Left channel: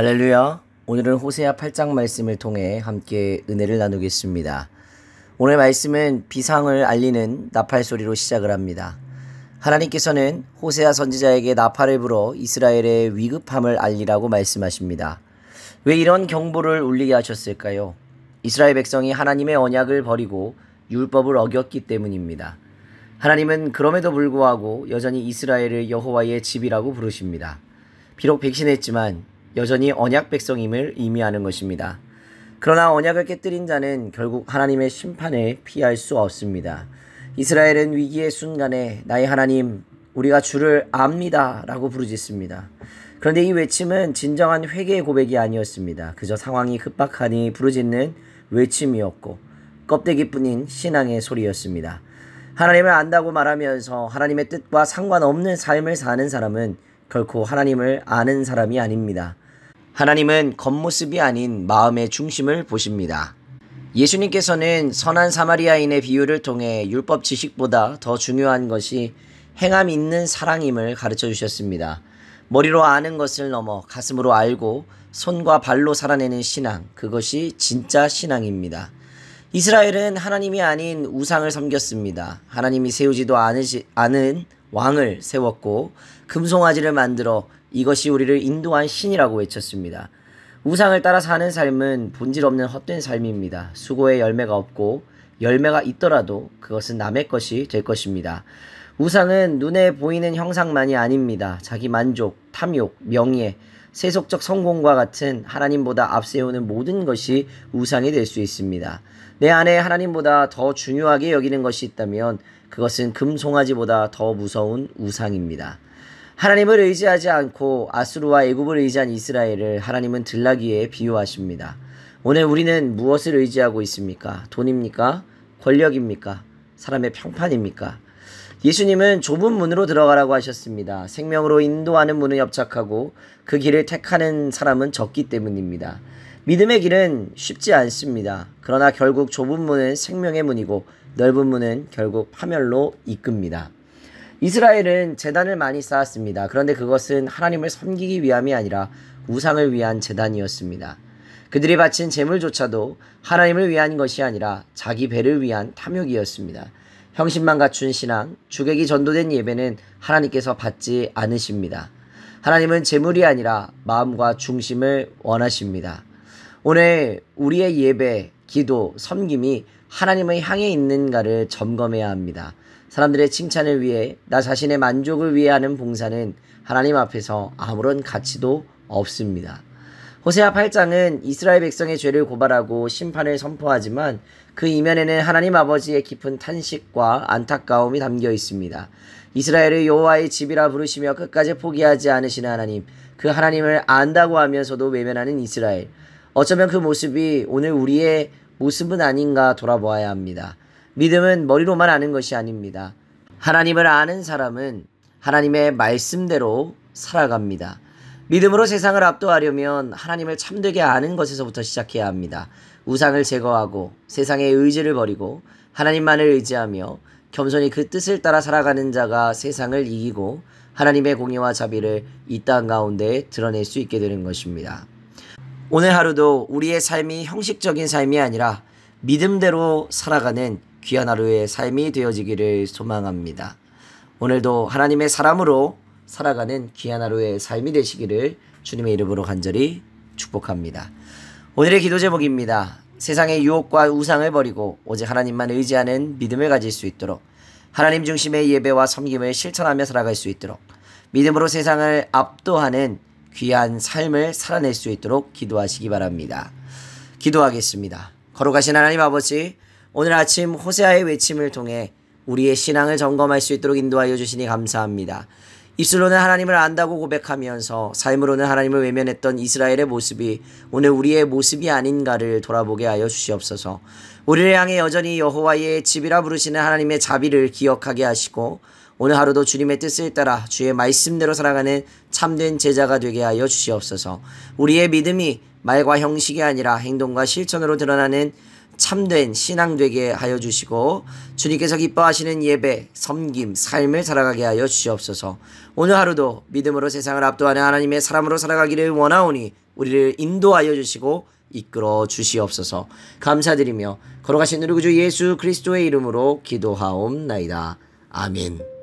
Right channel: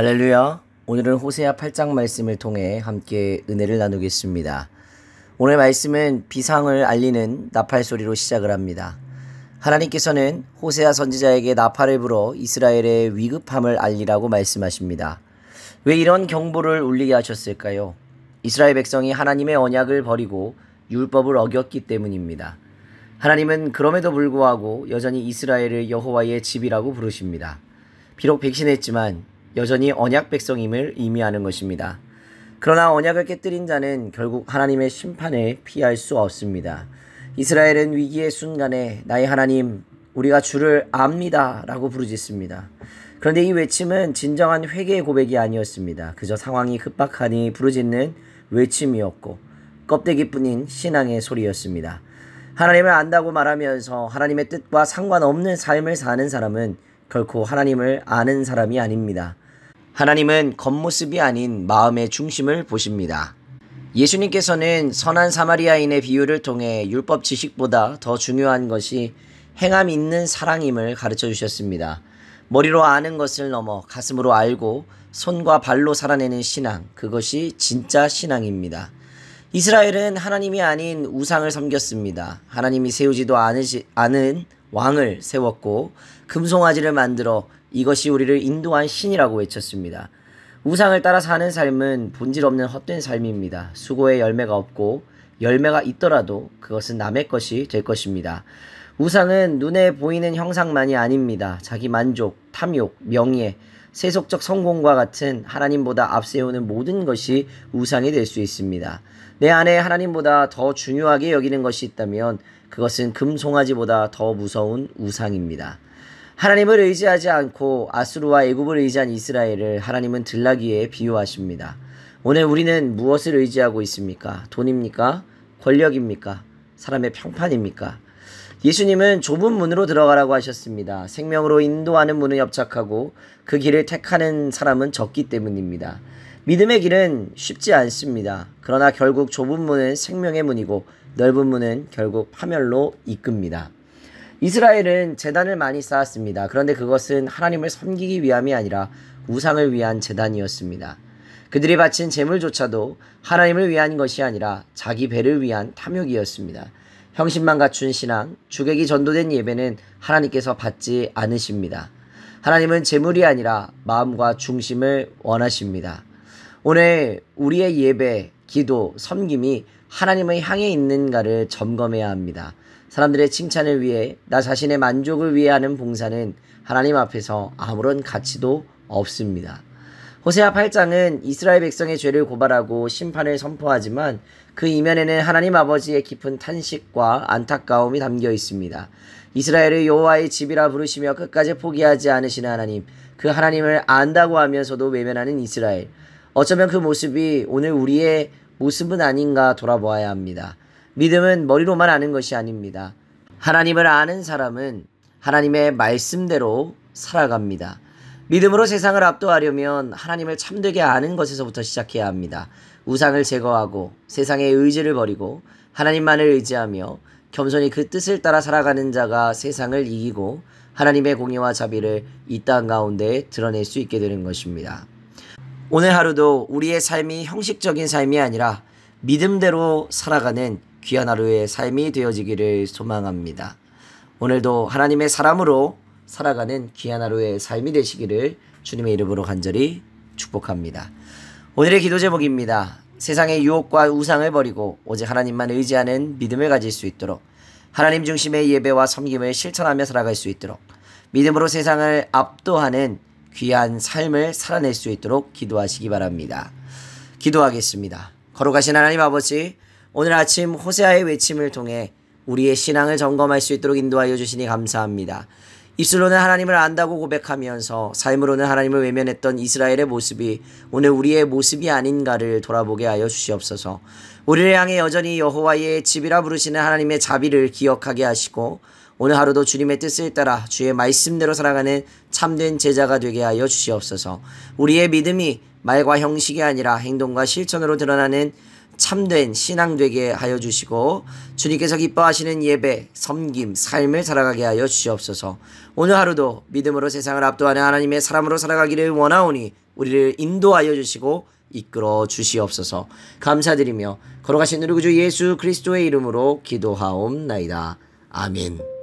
할렐루야. 오늘은 호세아 8장 말씀을 통해 함께 은혜를 나누겠습니다. 오늘 말씀은 비상을 알리는 나팔 소리로 시작을 합니다. 하나님께서는 호세아 선지자에게 나팔을 불어 이스라엘의 위급함을 알리라고 말씀하십니다. 왜 이런 경보를 울리게 하셨을까요? 이스라엘 백성이 하나님의 언약을 버리고 율법을 어겼기 때문입니다. 하나님은 그럼에도 불구하고 여전히 이스라엘을 여호와의 집이라고 부르십니다. 비록 백신했지만 여전히 언약 백성임을 의미하는 것입니다. 그러나 언약을 깨뜨린 자는 결국 하나님의 심판을 피할 수 없습니다. 이스라엘은 위기의 순간에 나의 하나님, 우리가 주를 압니다 라고 부르짖습니다. 그런데 이 외침은 진정한 회개의 고백이 아니었습니다. 그저 상황이 급박하니 부르짖는 외침이었고 껍데기뿐인 신앙의 소리였습니다. 하나님을 안다고 말하면서 하나님의 뜻과 상관없는 삶을 사는 사람은 결코 하나님을 아는 사람이 아닙니다. 하나님은 겉모습이 아닌 마음의 중심을 보십니다. 예수님께서는 선한 사마리아인의 비유를 통해 율법 지식보다 더 중요한 것이 행함 있는 사랑임을 가르쳐 주셨습니다. 머리로 아는 것을 넘어 가슴으로 알고 손과 발로 살아내는 신앙, 그것이 진짜 신앙입니다. 이스라엘은 하나님이 아닌 우상을 섬겼습니다. 하나님이 세우지도 않은 왕을 세웠고 금송아지를 만들어 이것이 우리를 인도한 신이라고 외쳤습니다. 우상을 따라 사는 삶은 본질 없는 헛된 삶입니다. 수고에 열매가 없고 열매가 있더라도 그것은 남의 것이 될 것입니다. 우상은 눈에 보이는 형상만이 아닙니다. 자기 만족, 탐욕, 명예, 세속적 성공과 같은 하나님보다 앞세우는 모든 것이 우상이 될 수 있습니다. 내 안에 하나님보다 더 중요하게 여기는 것이 있다면 그것은 금송아지보다 더 무서운 우상입니다. 하나님을 의지하지 않고 아수르와 애굽을 의지한 이스라엘을 하나님은 들나귀에 비유하십니다. 오늘 우리는 무엇을 의지하고 있습니까? 돈입니까? 권력입니까? 사람의 평판입니까? 예수님은 좁은 문으로 들어가라고 하셨습니다. 생명으로 인도하는 문은 협착하고 그 길을 택하는 사람은 적기 때문입니다. 믿음의 길은 쉽지 않습니다. 그러나 결국 좁은 문은 생명의 문이고 넓은 문은 결국 파멸로 이끕니다. 이스라엘은 제단을 많이 쌓았습니다. 그런데 그것은 하나님을 섬기기 위함이 아니라 우상을 위한 제단이었습니다. 그들이 바친 제물조차도 하나님을 위한 것이 아니라 자기 배를 위한 탐욕이었습니다. 형식만 갖춘 신앙, 주객이 전도된 예배는 하나님께서 받지 않으십니다. 하나님은 제물이 아니라 마음과 중심을 원하십니다. 오늘 우리의 예배, 기도, 섬김이 하나님을 향해 있는가를 점검해야 합니다. 사람들의 칭찬을 위해 나 자신의 만족을 위해 하는 봉사는 하나님 앞에서 아무런 가치도 없습니다. 호세아 8장은 이스라엘 백성의 죄를 고발하고 심판을 선포하지만 그 이면에는 하나님 아버지의 깊은 탄식과 안타까움이 담겨 있습니다. 이스라엘을 여호와의 집이라 부르시며 끝까지 포기하지 않으시는 하나님, 그 하나님을 안다고 하면서도 외면하는 이스라엘. 어쩌면 그 모습이 오늘 우리의 모습은 아닌가 돌아보아야 합니다. 믿음은 머리로만 아는 것이 아닙니다. 하나님을 아는 사람은 하나님의 말씀대로 살아갑니다. 믿음으로 세상을 압도하려면 하나님을 참되게 아는 것에서부터 시작해야 합니다. 우상을 제거하고 세상의 의지를 버리고 하나님만을 의지하며 겸손히 그 뜻을 따라 살아가는 자가 세상을 이기고 하나님의 공의와 자비를 이 땅 가운데 드러낼 수 있게 되는 것입니다. 오늘 하루도 우리의 삶이 형식적인 삶이 아니라 믿음대로 살아가는 귀한 하루의 삶이 되어지기를 소망합니다. 오늘도 하나님의 사람으로 살아가는 귀한 하루의 삶이 되시기를 주님의 이름으로 간절히 축복합니다. 오늘의 기도 제목입니다. 세상의 유혹과 우상을 버리고 오직 하나님만 의지하는 믿음을 가질 수 있도록, 하나님 중심의 예배와 섬김을 실천하며 살아갈 수 있도록, 믿음으로 세상을 압도하는 귀한 삶을 살아낼 수 있도록 기도하시기 바랍니다. 기도하겠습니다. 거룩하신 하나님 아버지, 오늘 아침 호세아의 외침을 통해 우리의 신앙을 점검할 수 있도록 인도하여 주시니 감사합니다. 입술로는 하나님을 안다고 고백하면서 삶으로는 하나님을 외면했던 이스라엘의 모습이 오늘 우리의 모습이 아닌가를 돌아보게 하여 주시옵소서. 우리를 향해 여전히 여호와의 집이라 부르시는 하나님의 자비를 기억하게 하시고 오늘 하루도 주님의 뜻을 따라 주의 말씀대로 살아가는 참된 제자가 되게 하여 주시옵소서. 우리의 믿음이 말과 형식이 아니라 행동과 실천으로 드러나는 참된 신앙 되게 하여 주시고 주님께서 기뻐하시는 예배, 섬김, 삶을 살아가게 하여 주시옵소서. 오늘 하루도 믿음으로 세상을 압도하는 하나님의 사람으로 살아가기를 원하오니 우리를 인도하여 주시고 이끌어 주시옵소서. 감사드리며 걸어가신 우리 구주 예수 그리스도의 이름으로 기도하옵나이다. 아멘.